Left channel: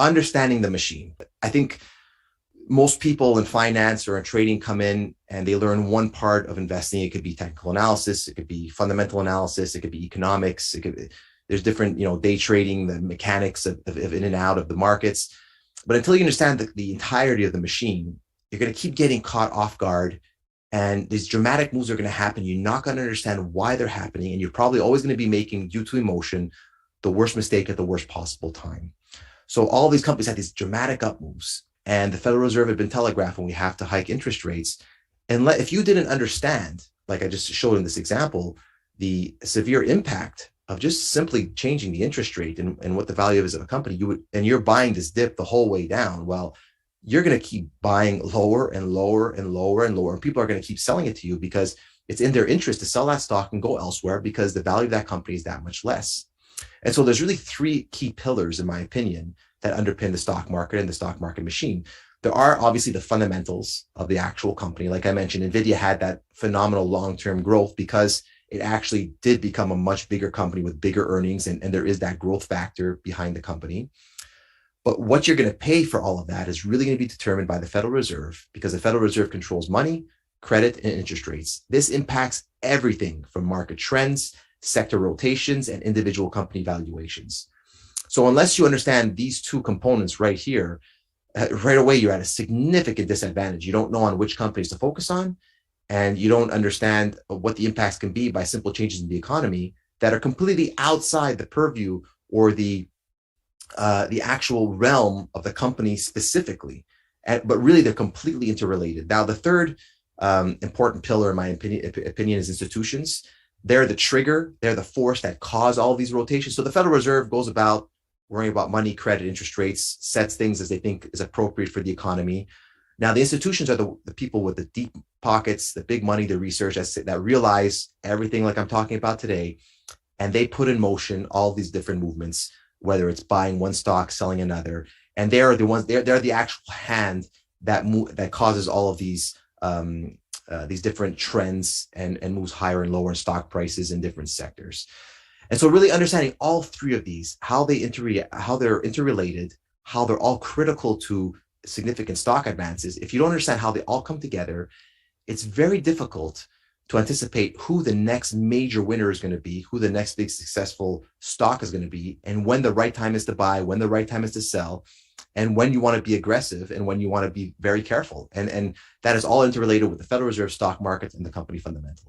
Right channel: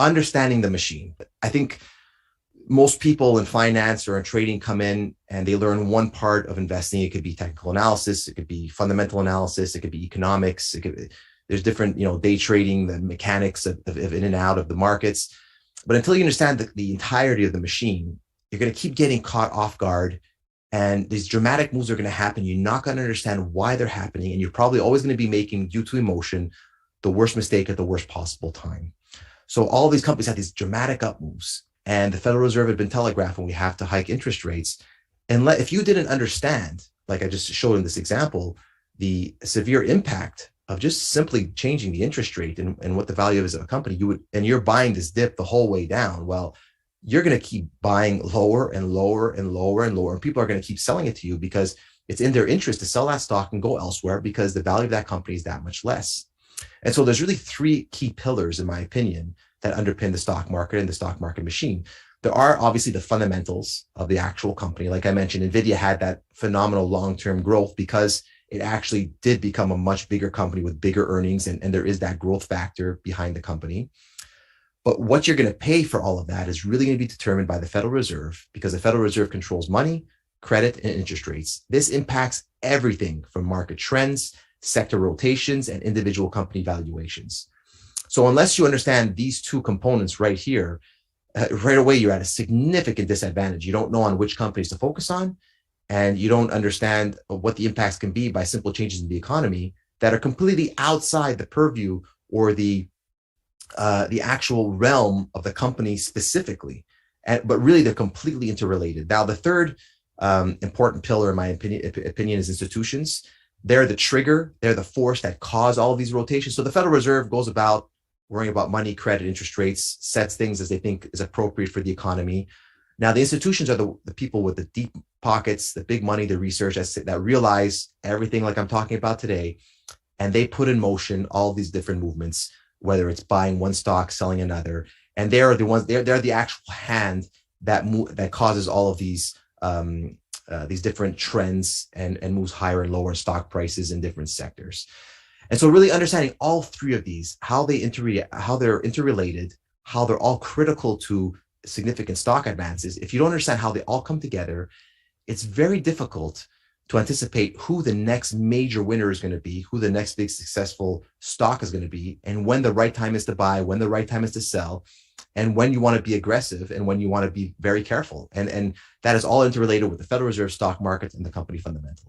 understanding the machine. I think most people in finance or in trading come in and they learn one part of investing. It could be technical analysis, it could be fundamental analysis, it could be economics, there's different, day trading, the mechanics of in and out of the markets. But until you understand the entirety of the machine, you're going to keep getting caught off guard. And these dramatic moves are going to happen. You're not going to understand why they're happening. And you're probably always going to be making, due to emotion, the worst mistake at the worst possible time. So all these companies had these dramatic up moves. And the Federal Reserve had been telegraphing we have to hike interest rates. And if you didn't understand, like I just showed in this example, the severe impact of just simply changing the interest rate and what the value is of a company, and you're buying this dip the whole way down, well, you're going to keep buying lower and lower and lower and lower. And people are going to keep selling it to you because it's in their interest to sell that stock and go elsewhere because the value of that company is that much less. And so there's really three key pillars, in my opinion, that underpin the stock market and the stock market machine. There are obviously the fundamentals of the actual company. Like I mentioned, NVIDIA had that phenomenal long-term growth because it actually did become a much bigger company with bigger earnings, and there is that growth factor behind the company. But what you're going to pay for all of that is really going to be determined by the Federal Reserve, because the Federal Reserve controls money, credit, and interest rates. This impacts everything from market trends, sector rotations, and individual company valuations. So unless you understand these two components right here, right away, you're at a significant disadvantage. You don't know on which companies to focus on, and you don't understand what the impacts can be by simple changes in the economy that are completely outside the purview or the actual realm of the company specifically. But really, they're completely interrelated. Now, the third important pillar, in my opinion, is institutions. They're the trigger. They're the force that cause all of these rotations. So the Federal Reserve goes about worrying about money, credit, interest rates, sets things as they think is appropriate for the economy. Now, the institutions are the people with the deep pockets, the big money, the research that realize everything like I'm talking about today, and they put in motion all these different movements, whether it's buying one stock, selling another, and they're the ones. They're the actual hand that causes all of these different trends and moves higher and lower in stock prices in different sectors. And so really understanding all three of these, how they're interrelated, how they're all critical to significant stock advances. If you don't understand how they all come together, it's very difficult to anticipate who the next major winner is going to be, who the next big successful stock is going to be, and when the right time is to buy, when the right time is to sell, and when you want to be aggressive and when you want to be very careful. And that is all interrelated with the Federal Reserve, stock markets, and the company fundamentals.